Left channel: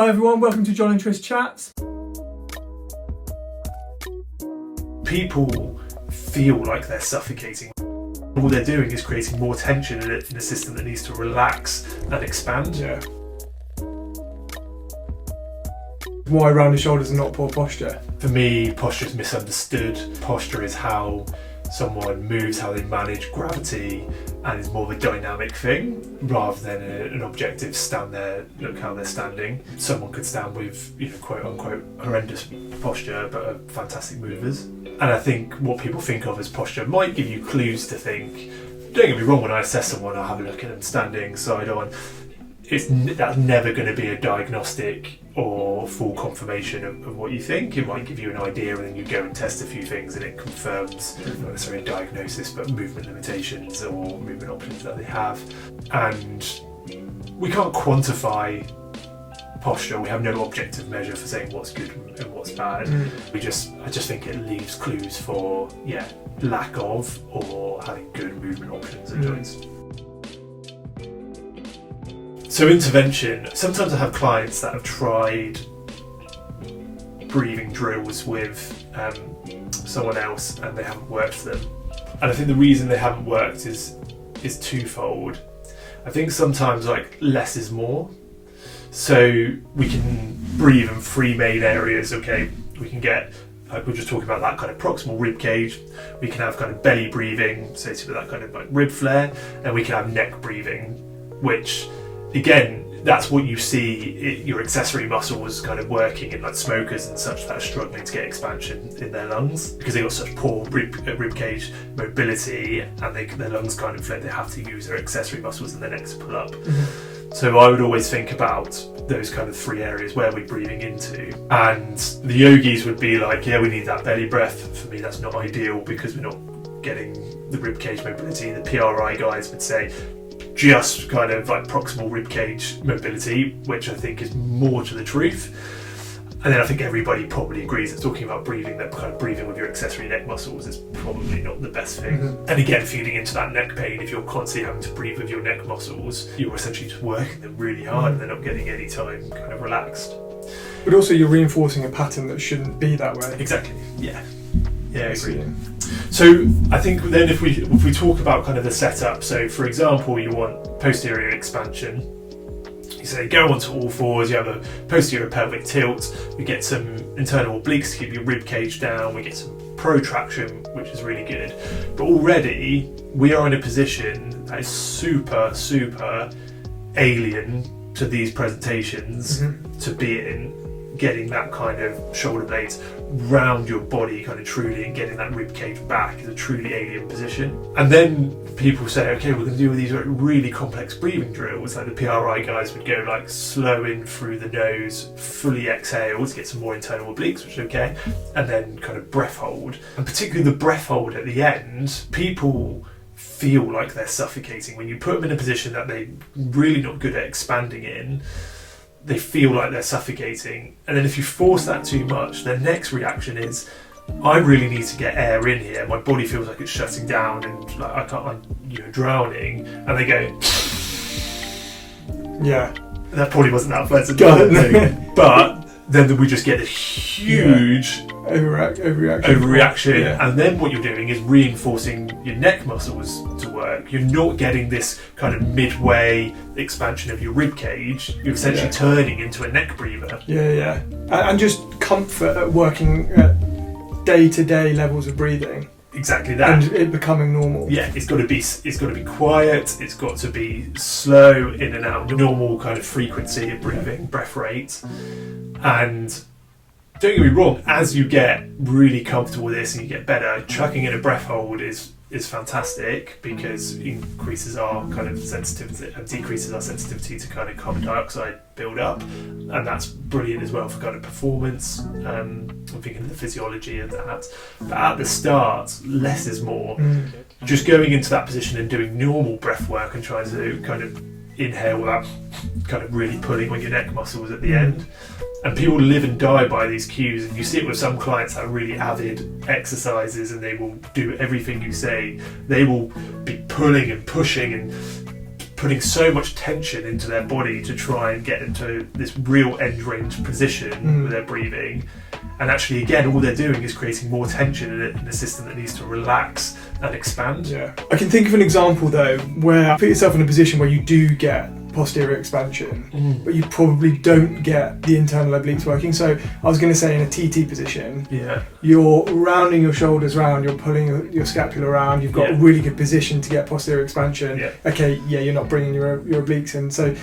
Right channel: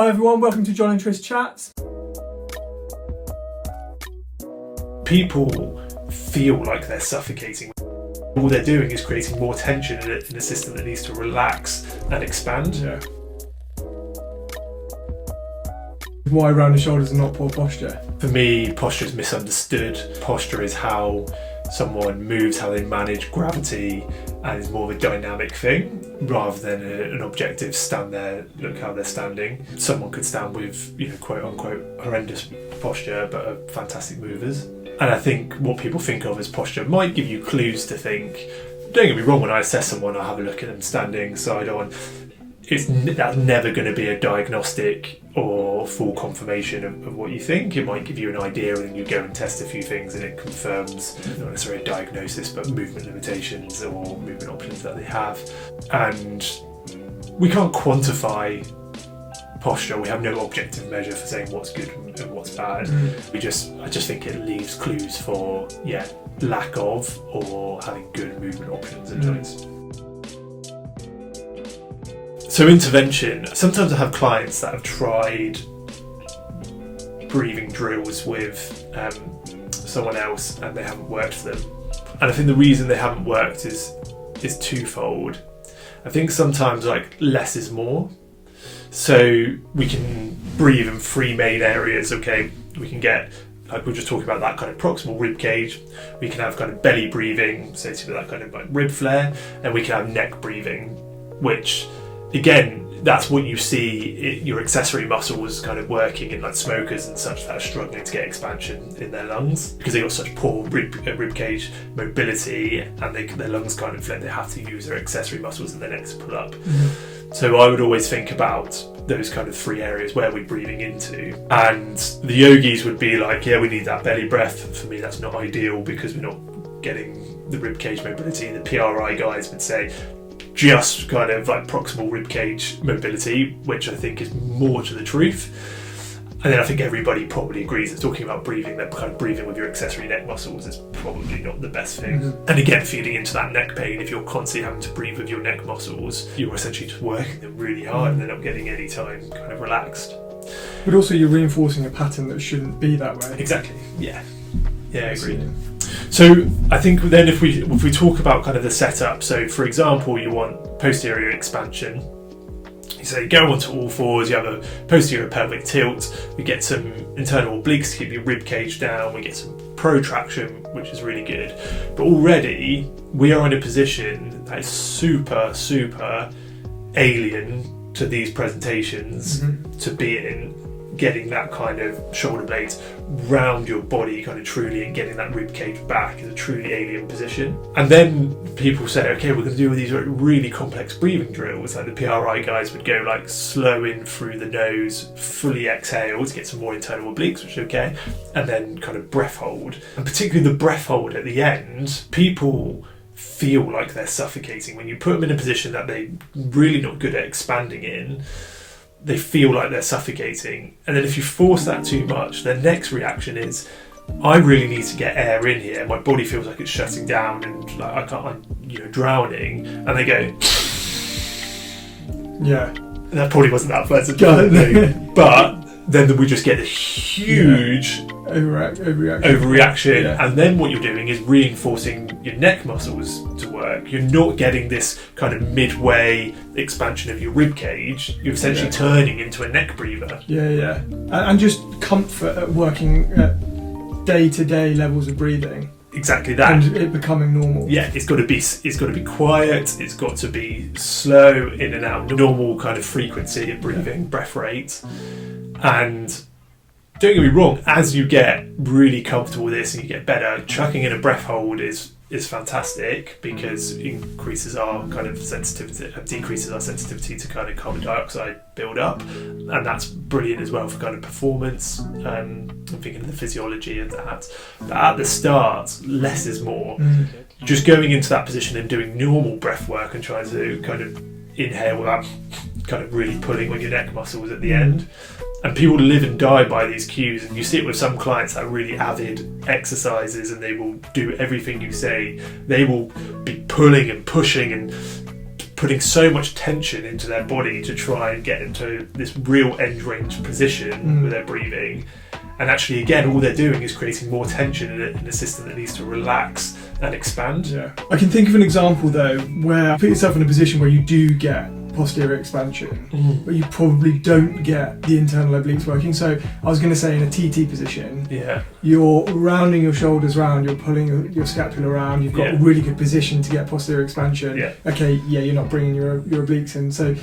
Hi everyone, welcome to John and Tris Chats. People feel like they're suffocating. All they're doing is creating more tension in a system that needs to relax and expand. Yeah. Wide rounded shoulders and not poor posture. For me, posture is misunderstood. Posture is how someone moves, how they manage gravity, and is more of a dynamic thing rather than an objective stand there, look how they're standing. Someone could stand with, quote unquote horrendous posture but are fantastic movers. And I think what people think of as posture might give you clues to think, don't get me wrong, when I assess someone I have a look at them standing side on. That's never going to be a diagnostic or full confirmation of what you think. It might give you an idea and you go and test a few things and it confirms, not necessarily a diagnosis, but movement limitations or movement options that they have. And we can't quantify posture. We have no objective measure for saying what's good and what's bad. I just think it leaves clues for lack of or having good movement options and joints. So intervention, sometimes I have clients that have tried breathing drills with someone else and they haven't worked for them. And I think the reason they haven't worked is twofold. I think sometimes less is more. So we can breathe in three main areas, okay? We can get, like we were just talking about, that kind of proximal rib cage. We can have kind of belly breathing, associated with that kind of rib flare, and we can have neck breathing, which again, that's what you see your accessory muscles kind of working in smokers and such that are struggling to get expansion in their lungs because they've got such poor rib cage mobility and their lungs can't inflate. They have to use their accessory muscles in their necks to pull up. So I would always think about those kind of three areas where we're breathing into. And the yogis would be like, yeah, we need that belly breath. For me, that's not ideal because we're not getting the rib cage mobility. The PRI guys would say, just kind of proximal ribcage mobility, which I think is more to the truth. And then I think everybody probably agrees that talking about breathing, that kind of breathing with your accessory neck muscles is probably not the best thing. And again, feeding into that neck pain, if you're constantly having to breathe with your neck muscles, you're essentially just working them really hard and they're not getting any time kind of relaxed. But also you're reinforcing a pattern that shouldn't be that way. Exactly, yeah, agreed. So I think then if we talk about kind of the setup, so for example, you want posterior expansion. So you go onto all fours, you have a posterior pelvic tilt, you get some internal obliques to keep your rib cage down, we get some protraction, which is really good. But already we are in a position that is super, super alien to these presentations to be in. Getting that kind of shoulder blades round your body kind of truly and getting that rib cage back is a truly alien position. And then people say, okay, we're going to do these really complex breathing drills. Like the PRI guys would go slow in through the nose, fully exhale to get some more internal obliques, which is okay, and then kind of breath hold. And particularly the breath hold at the end, people feel like they're suffocating. When you put them in a position that they're really not good at expanding in, they feel like they're suffocating. And then if you force that too much, their next reaction is, I really need to get air in here. My body feels like it's shutting down and I'm drowning. And they go, yeah. That probably wasn't that pleasant. But then we just get a huge overreaction. Yeah. And then what you're doing is reinforcing your neck muscles to work. You're not getting this kind of midway expansion of your rib cage. You're essentially turning into a neck breather. And just comfort at working at day-to-day levels of breathing. Exactly that. And it becoming normal. Yeah, it's got to be quiet, it's got to be slow in and out, normal kind of frequency of breathing, breath rate. And don't get me wrong, as you get really comfortable with this and you get better, chucking in a breath hold is fantastic because it increases our kind of sensitivity, decreases our sensitivity to kind of carbon dioxide build up, and that's brilliant as well for kind of performance. I'm thinking of the physiology of that. But at the start, less is more. Just going into that position and doing normal breath work and trying to kind of inhale without kind of really pulling on your neck muscles at the end. And people live and die by these cues, and you see it with some clients that are really avid exercises and they will do everything you say. They will be pulling and pushing and putting so much tension into their body to try and get into this real end range position with their breathing. And actually, again, all they're doing is creating more tension in a system that needs to relax and expand. Yeah. I can think of an example though, where put yourself in a position where you do get posterior expansion, but you probably don't get the internal obliques working. So I was going to say in a TT position, you're rounding your shoulders round, you're pulling your scapula around, you've got a really good position to get posterior expansion. Okay, you're not bringing your obliques in. So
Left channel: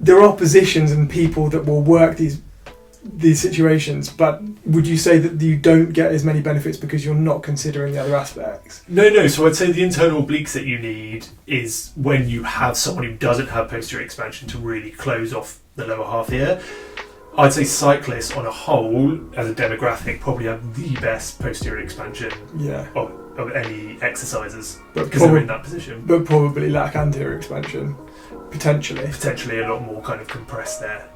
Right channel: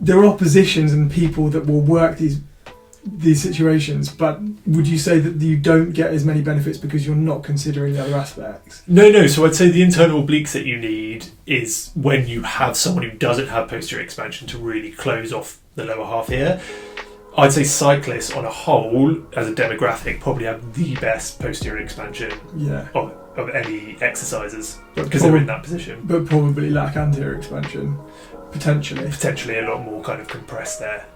there are positions and people that will work these situations, but would you say that you don't get as many benefits because you're not considering the other aspects? No. So I'd say the internal obliques that you need is when you have someone who doesn't have posterior expansion to really close off the lower half here. I'd say cyclists on a whole, as a demographic, probably have the best posterior expansion of any exercises because they're in that position. But probably lack anterior expansion, potentially. Potentially a lot more kind of compressed there.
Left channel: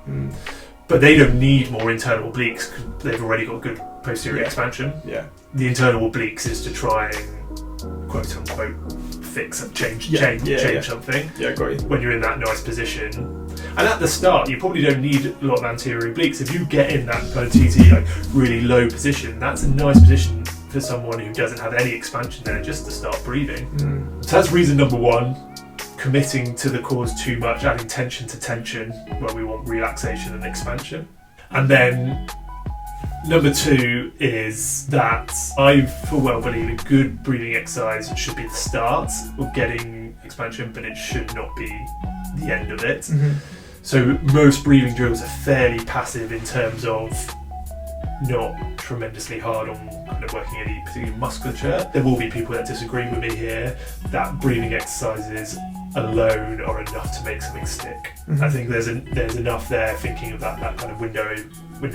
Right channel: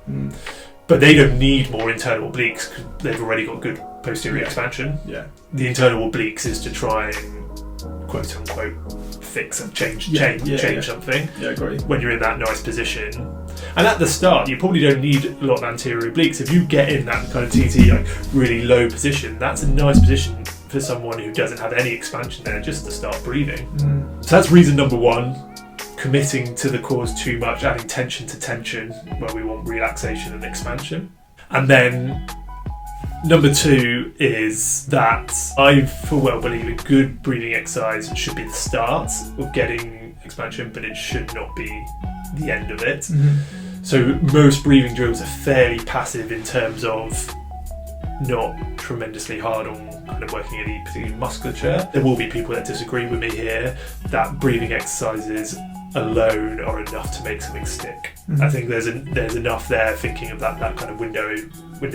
But they don't need more internal obliques because they've already got good posterior expansion. Yeah. The internal obliques is to try and quote unquote fix and change something. Yeah, agree. When you're in that nice position. And at the start, you probably don't need a lot of anterior obliques. If you get in that kind of TT, like really low position, that's a nice position for someone who doesn't have any expansion there, just to start breathing. So that's reason number one. Committing to the cause too much, adding tension to tension where we want relaxation and expansion. And then number two is that I full well believe a good breathing exercise should be the start of getting expansion, but it should not be the end of it. So most breathing drills are fairly passive in terms of not tremendously hard on kind of working any particular musculature. There will be people that disagree with me here, that breathing exercises alone are enough to make something stick. I think there's enough there thinking of that kind of window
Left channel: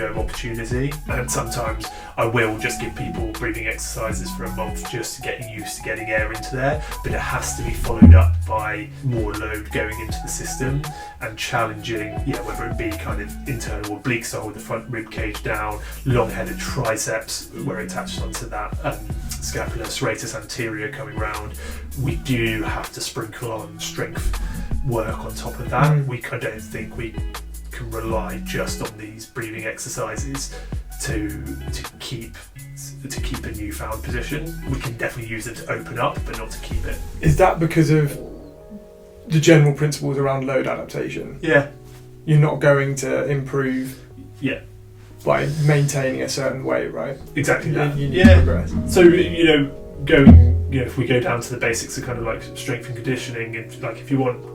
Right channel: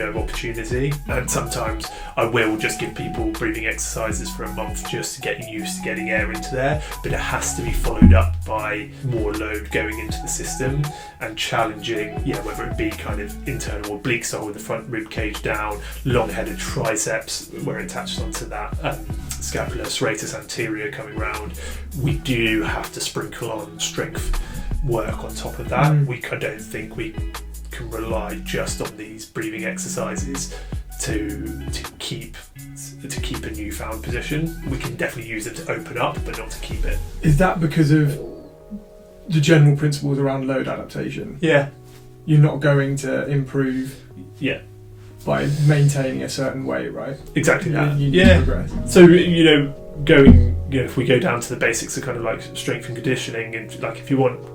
of opportunity, and sometimes I will just give people breathing exercises for a month just to get used to getting air into there, but it has to be followed up by more load going into the system and challenging, whether it be kind of internal oblique style with the front rib cage down, long-headed triceps where it attaches onto that scapula serratus anterior coming round. We do have to sprinkle on strength work on top of that. I don't think we can rely just on these breathing exercises to keep a newfound position. We can definitely use it to open up, but not to keep it. Is that because of the general principles around load adaptation? Yeah. You're not going to improve by maintaining a certain weight, right? Exactly that. You need to progress. So, if we go down to the basics of kind of like strength and conditioning, and like if you want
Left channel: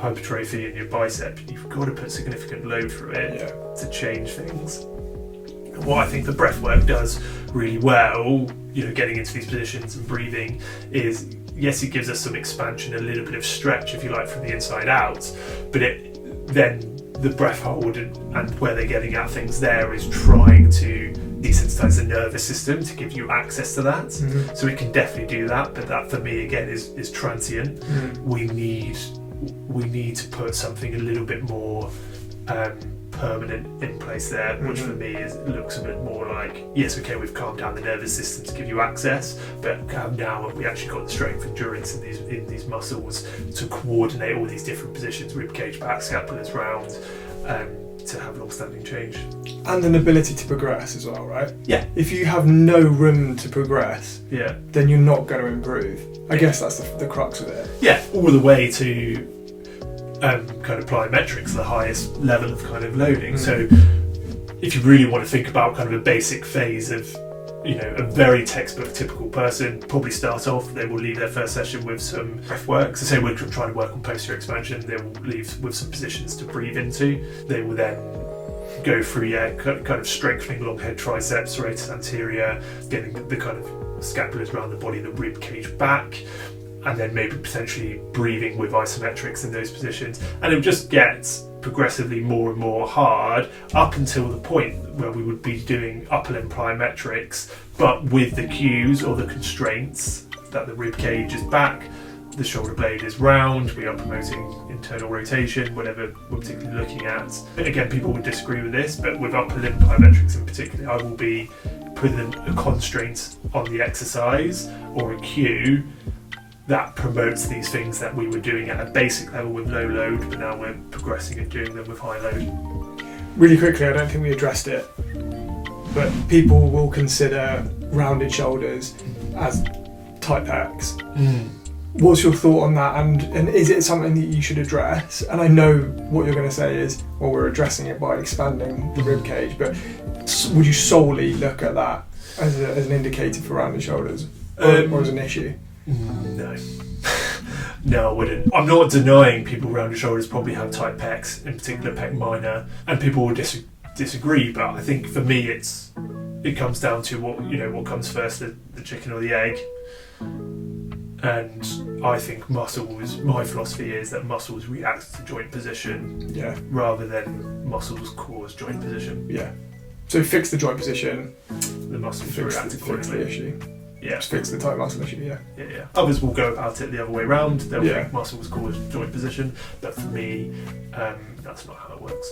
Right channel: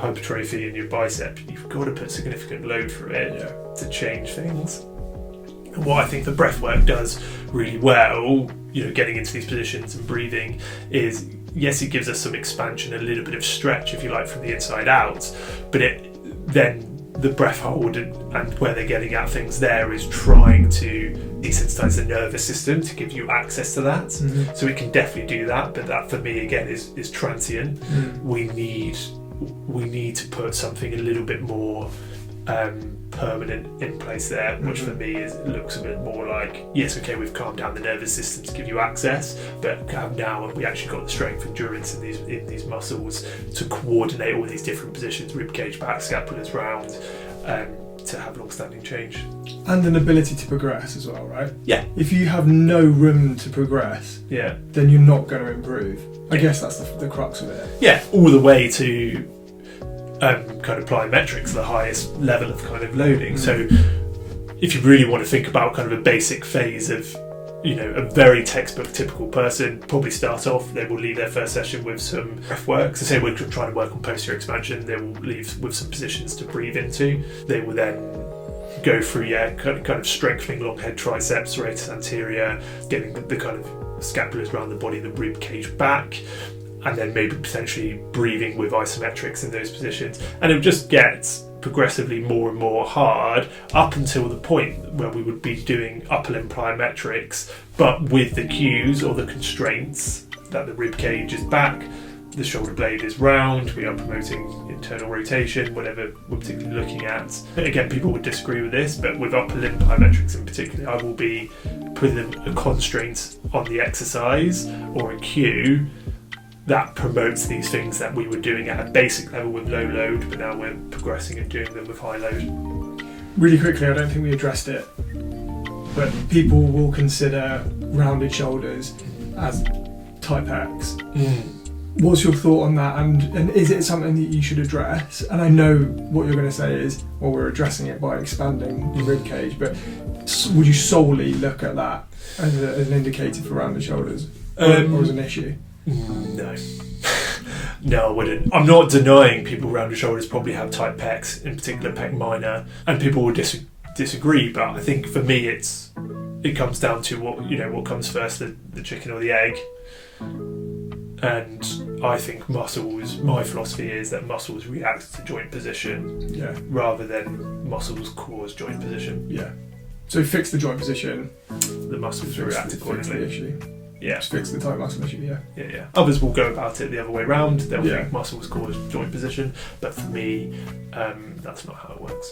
hypertrophy in your bicep, you've got to put significant load through it to change things. And what I think the breath work does really well, getting into these positions and breathing, is yes, it gives us some expansion, a little bit of stretch, if you like, from the inside out, but then the breath hold and where they're getting at things there is trying to desensitize the nervous system to give you access to that. So it can definitely do that, but that for me again is transient. We need to put something a little bit more permanent in place there, which for me looks a bit more like, yes, okay, we've calmed down the nervous system to give you access, but now we actually got the strength, endurance in these muscles to coordinate all these different positions, rib cage back, scapulas round, to have long-standing change. And an ability to progress as well, right? Yeah. If you have no room to progress, then you're not going to improve. I guess that's the crux of it. Yeah, all the way to kind of plyometrics, the highest level of kind of loading. So if you really want to think about kind of a basic phase of, a very textbook typical person, probably start off, they will leave their first session with some breath work. So say we're trying to work on posterior expansion, they will leave with some positions to breathe into. They will then go through, kind of strengthening long head triceps, serratus anterior, getting the kind of scapulas around the body, the rib cage back, and then maybe potentially breathing with isometrics in those positions. And it would just get progressively more and more hard up until the point where we would be doing upper limb plyometrics, but with the cues or the constraints that the rib cage is back, the shoulder blade is round, we are promoting internal rotation, whatever we're particularly looking at. And again, people would disagree with this, but with upper limb plyometrics in particular, I will be putting a constraint on the exercise or a cue that promotes these things that we were doing at a basic level with low load, but now we're progressing and doing them with high load. Really quickly, I don't think we addressed it, but people will consider rounded shoulders as type X. What's your thought on that, and is it something that you should address? And I know what you're going to say is, well, we're addressing it by expanding the rib cage, but would you solely look at that as an indicator for rounded shoulders, or as an issue? No. No, I wouldn't. I'm not denying people rounded shoulders probably have type pecs, in particular pec minor, and people will disagree, but I think for me it comes down to what comes first, the chicken or the egg. And I think my philosophy is that muscles react to joint position rather than muscles cause joint position. Yeah. So fix the joint position, the muscles react accordingly. Fix the issue. Yeah. Just fix the tight muscle issue, Yeah. Others will go about it the other way around. They'll think muscles cause joint position, but for me, that's not how it works.